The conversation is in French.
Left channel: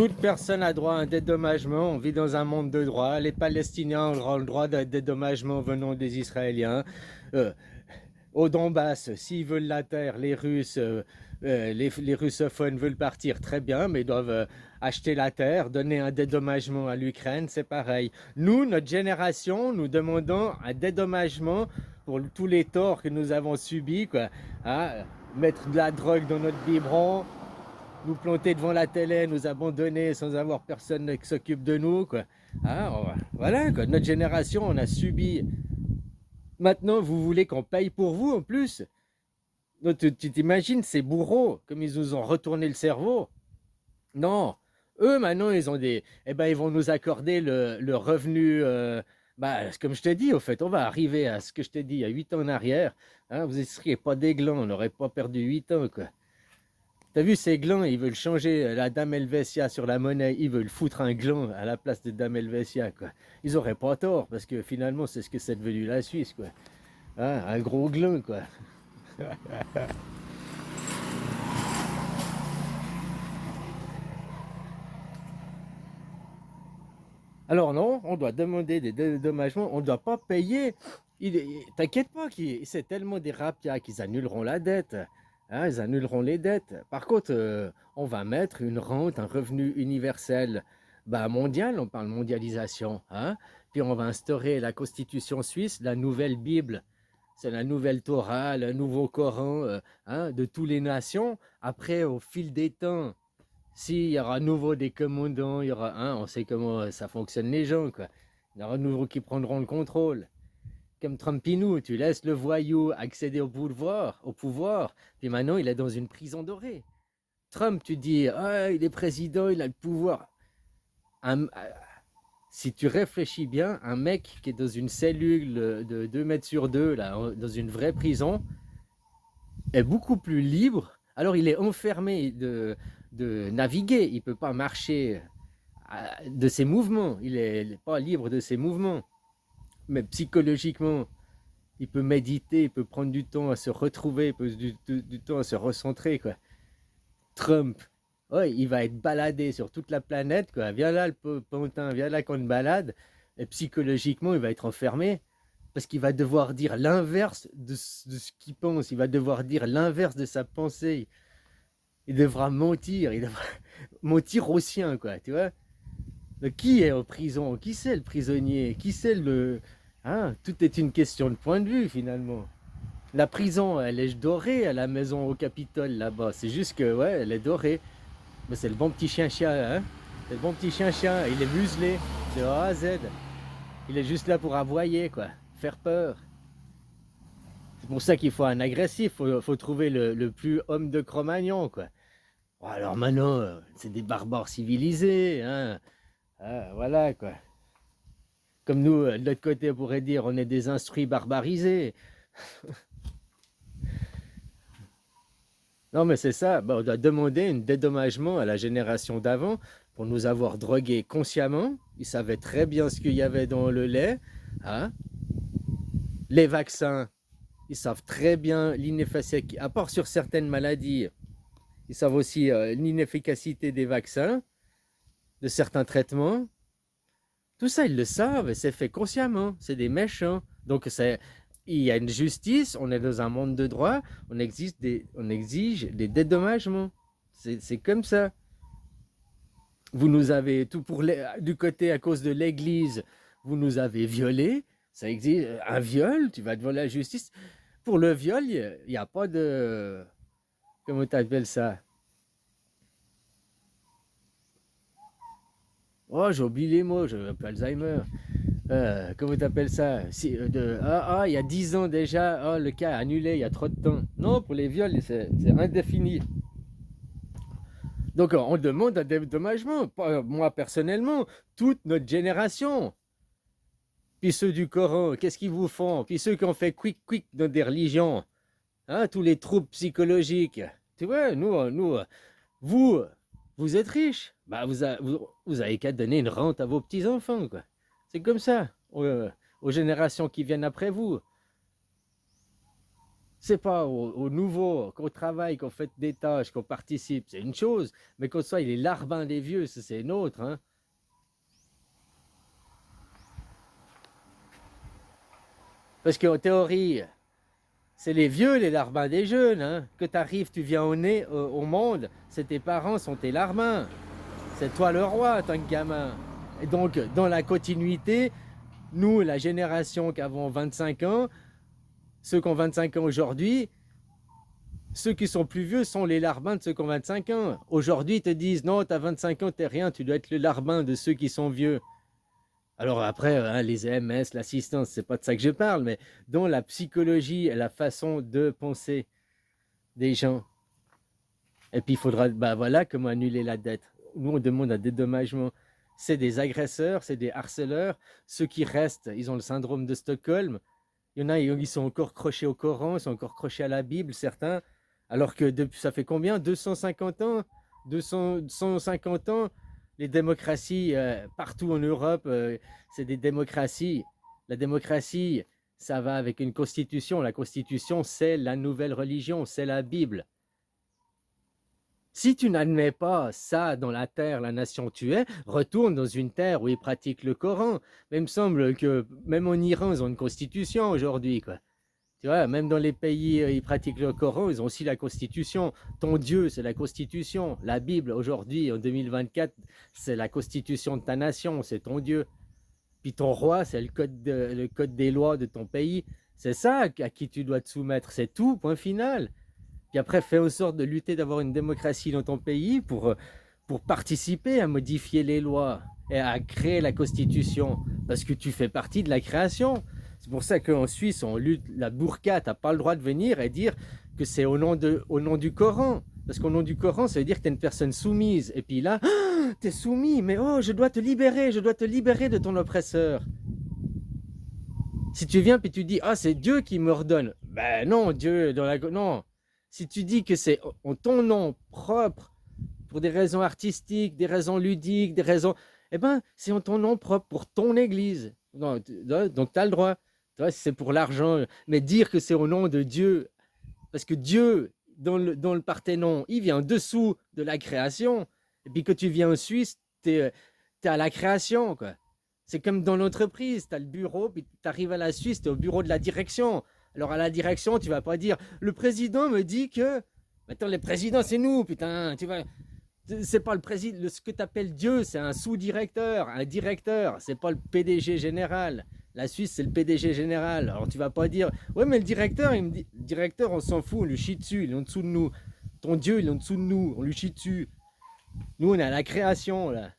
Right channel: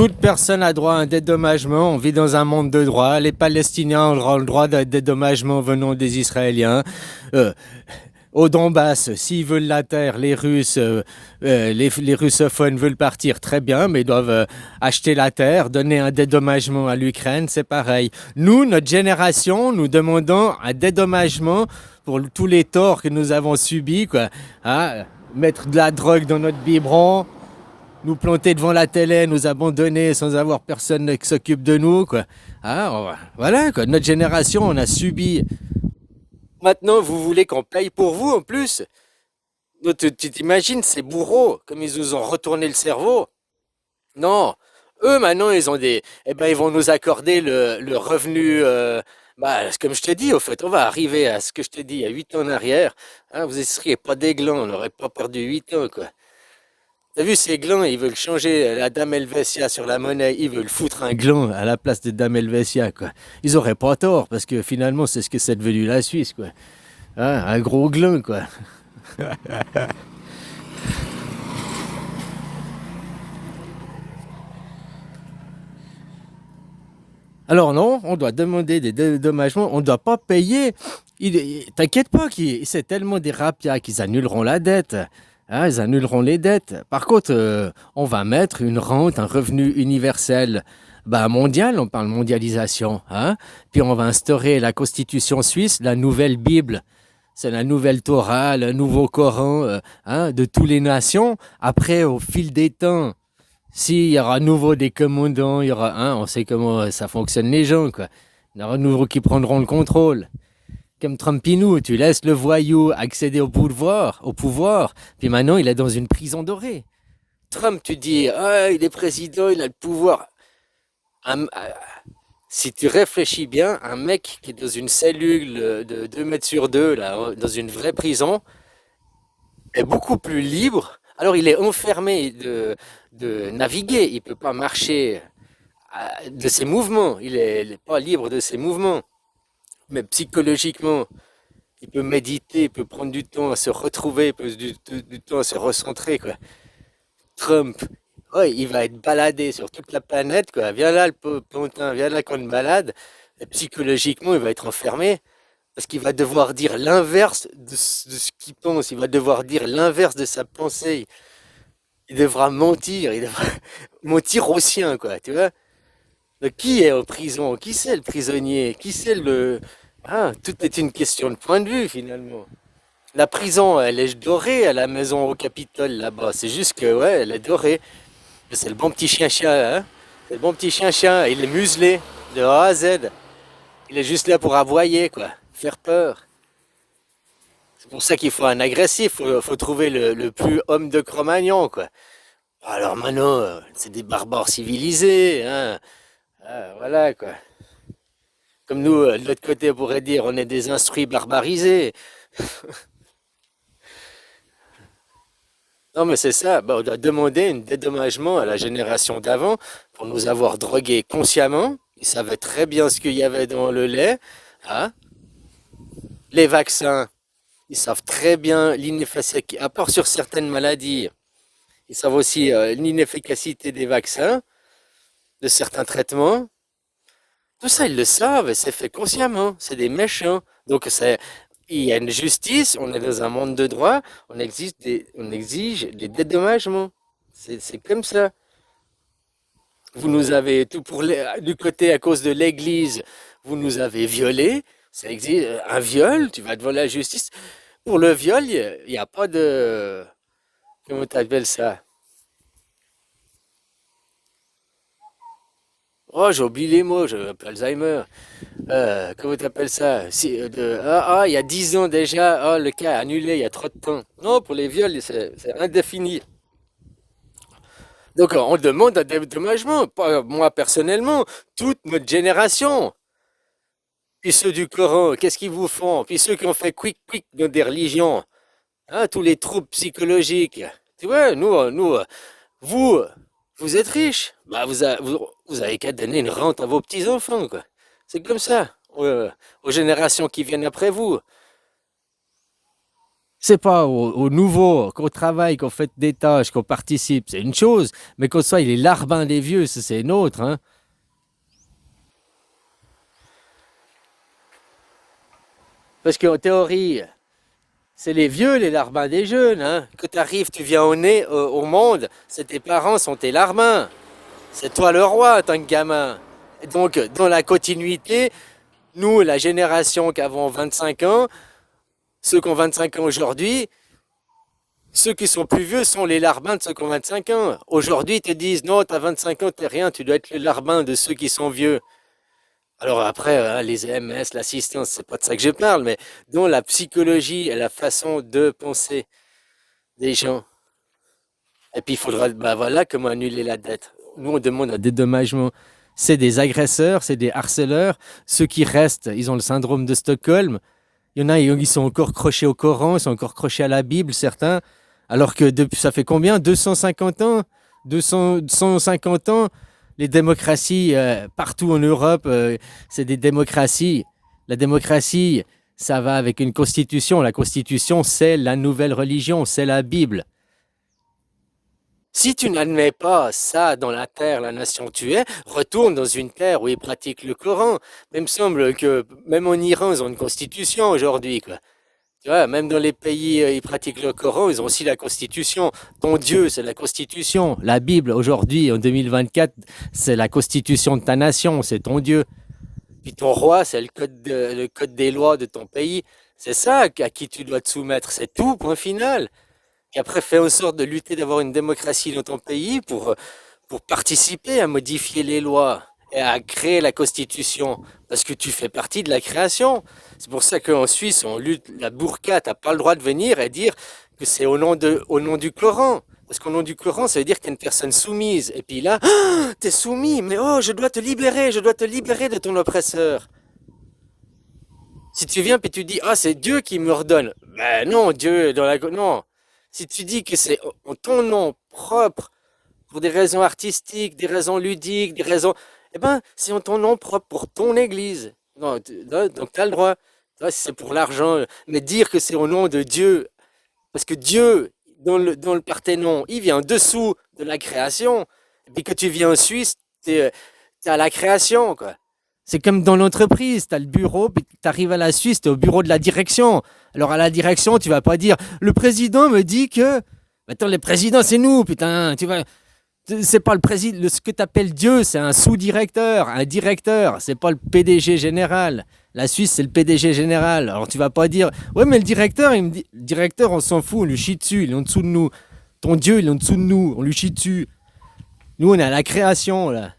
Toute personne a droit à un dédommagement. On vit dans un monde de droit. Les Palestiniens ont le droit d'un dédommagement venant des Israéliens. Euh, Au Donbass, s'ils veulent la terre, les Russes, les russophones veulent partir, très bien, mais ils doivent acheter la terre, donner un dédommagement à l'Ukraine, c'est pareil. Nous, notre génération, nous demandons un dédommagement pour tous les torts que nous avons subis, quoi. Hein, mettre de la drogue dans notre biberon, nous planter devant la télé, nous abandonner sans avoir personne qui s'occupe de nous, quoi. Hein, voilà, quoi. Notre génération, on a subi. Maintenant, vous voulez qu'on paye pour vous en plus? Tu t'imagines ces bourreaux, comme ils nous ont retourné le cerveau? Non. Eux, maintenant, ils ont des. Eh ben, ils vont nous accorder le revenu. Comme je te dis, au fait, on va arriver à ce que je te dis il y a 8 ans en arrière. Hein, vous ne seriez pas des glands, on n'aurait pas perdu 8 ans, quoi. T'as vu ces glands, ils veulent changer la Dame Helvetia sur la monnaie, ils veulent foutre un gland à la place de Dame Helvetia, quoi. Ils auraient pas tort, parce que finalement, c'est ce que c'est devenu la Suisse, quoi. Hein, un gros gland, quoi. Alors non, on doit demander des dédommagements, on ne doit pas payer. T'inquiète pas, c'est tellement des rapias qu'ils annuleront la dette. Hein, ils annuleront les dettes. Par contre, on va mettre une rente, un revenu universel mondial, on parle mondialisation. Hein, puis on va instaurer la constitution suisse, la nouvelle Bible. C'est la nouvelle Torah, le nouveau Coran hein, de toutes les nations. Après, au fil des temps, s'il y aura à nouveau des commandants, il y aura un, on sait comment ça fonctionne les gens, quoi. Il y aura de nouveau qui prendront le contrôle. Comme Trumpinou, tu laisses le voyou accéder au pouvoir, puis maintenant il est dans une prison dorée. Trump, tu dis, ah, il est président, il a le pouvoir. Si tu réfléchis bien, un mec qui est dans une cellule de 2 mètres sur 2, là, dans une vraie prison, est beaucoup plus libre. Alors il est enfermé de naviguer, il ne peut pas marcher de ses mouvements, il n'est pas libre de ses mouvements. Mais psychologiquement, il peut méditer, il peut prendre du temps à se retrouver, il peut du temps à se recentrer, quoi. Trump, ouais, il va être baladé sur toute la planète, quoi. Viens là, le pontin, viens là qu'on te balade. Et psychologiquement, il va être enfermé parce qu'il va devoir dire l'inverse de ce qu'il pense. Il va devoir dire l'inverse de sa pensée. Il devra mentir. Il devra mentir aux siens, quoi. Tu vois? Donc, qui est en prison? Qui c'est le prisonnier? Qui c'est le. Hein, tout est une question de point de vue, finalement. La prison, elle est dorée à la maison au Capitole, là-bas. C'est juste que, ouais, elle est dorée. Mais c'est le bon petit chien-chien, hein? C'est le bon petit chien-chien. Il est muselé de A à Z. Il est juste là pour aboyer, quoi. Faire peur. C'est pour ça qu'il faut un agressif. Faut trouver le plus homme de Cro-Magnon, quoi. Alors maintenant, c'est des barbares civilisés, hein. Ah, voilà, quoi. Comme nous, de l'autre côté, on pourrait dire, on est des instruits barbarisés. Non, mais c'est ça. On doit demander un dédommagement à la génération d'avant pour nous avoir drogués consciemment. Ils savaient très bien ce qu'il y avait dans le lait. Hein. Les vaccins, ils savent très bien l'inefficacité, à part sur certaines maladies, ils savent aussi l'inefficacité des vaccins, de certains traitements. Tout ça, ils le savent et c'est fait consciemment. C'est des méchants. Donc, il y a une justice, on est dans un monde de droit, on exige des dédommagements. C'est comme ça. Vous nous avez, du côté à cause de l'Église, vous nous avez violés. Ça existe un viol, tu vas devant la justice. Pour le viol, il n'y a pas de. Comment tu appelles ça? Oh, j'ai oublié les mots, j'ai un peu Alzheimer. Comment tu appelles ça? Il y a 10 ans déjà, le cas est annulé, il y a trop de temps. Non, pour les viols, c'est indéfini. Donc, on demande un dédommagement, pas moi personnellement, toute notre génération. Puis ceux du Coran, qu'est-ce qu'ils vous font? Puis ceux qui ont fait quick dans des religions, hein, tous les troubles psychologiques. Tu vois, vous, vous êtes riches. Vous avez qu'à donner une rente à vos petits-enfants, quoi. C'est comme ça, aux générations qui viennent après vous. C'est pas au nouveau, qu'on travaille, qu'on fait des tâches, qu'on participe, c'est une chose, mais qu'on soit il est larbin des vieux, ça, c'est une autre, hein. Parce qu'en théorie, c'est les vieux, les larbins des jeunes, hein. Que tu arrives, tu viens au monde, c'est tes parents sont tes larbins. C'est toi le roi en tant que gamin. Et donc, dans la continuité, nous, la génération qui avons 25 ans, ceux qui ont 25 ans aujourd'hui, ceux qui sont plus vieux sont les larbins de ceux qui ont 25 ans. Aujourd'hui, ils te disent non, t'as 25 ans, t'es rien, tu dois être le larbin de ceux qui sont vieux. Alors après, hein, les EMS, l'assistance, c'est pas de ça que je parle, mais dans la psychologie et la façon de penser des gens. Et puis il faudra, bah voilà, comment annuler la dette. Nous, on demande un dédommagement. C'est des agresseurs, c'est des harceleurs. Ceux qui restent, ils ont le syndrome de Stockholm. Il y en a, ils sont encore crochés au Coran, ils sont encore crochés à la Bible, certains. Alors que depuis, ça fait combien? 250 ans? 200, 150 ans? Les démocraties, partout en Europe, c'est des démocraties. La démocratie, ça va avec une constitution. La constitution, c'est la nouvelle religion, c'est la Bible. Si tu n'admets pas ça dans la terre, la nation où tu es, retourne dans une terre où ils pratiquent le Coran. Mais il me semble que même en Iran, ils ont une constitution aujourd'hui, quoi. Tu vois, même dans les pays où ils pratiquent le Coran, ils ont aussi la constitution. Ton Dieu, c'est la constitution. La Bible, aujourd'hui, en 2024, c'est la constitution de ta nation, c'est ton Dieu. Puis ton roi, c'est le code des lois de ton pays. C'est ça à qui tu dois te soumettre. C'est tout, point final. Puis après, fais en sorte de lutter, d'avoir une démocratie dans ton pays pour participer à modifier les lois et à créer la constitution. Parce que tu fais partie de la création. C'est pour ça qu'en Suisse, on lutte la burqa. Tu n'as pas le droit de venir et dire que c'est au nom du Coran. Parce qu'au nom du Coran, ça veut dire que tu es une personne soumise. Et puis là, tu es soumis, mais oh, je dois te libérer de ton oppresseur. Si tu viens et tu dis, ah, c'est Dieu qui me ordonne. Ben non, Dieu, non. Si tu dis que c'est en ton nom propre, pour des raisons artistiques, des raisons ludiques, des raisons... Eh ben, c'est en ton nom propre, pour ton église. Non, donc tu as le droit. Si c'est pour l'argent, mais dire que c'est au nom de Dieu, parce que Dieu, dans le Parthénon, il vient en dessous de la création. Et puis que tu viens en Suisse, tu es à la création, quoi. C'est comme dans l'entreprise, tu as le bureau, puis tu arrives à la Suisse, tu es au bureau de la direction. Alors à la direction, tu vas pas dire le président me dit que. Attends, le président, c'est nous, putain. Tu vas. C'est pas le président. Ce que tu appelles Dieu, c'est un sous-directeur, un directeur. C'est pas le PDG général. La Suisse, c'est le PDG général. Alors tu vas pas dire ouais, mais le directeur, il me dit. Le directeur, on s'en fout, on lui chie dessus, il est en dessous de nous. Ton Dieu, il est en dessous de nous, on lui chie dessus. Nous, on est à la création, là.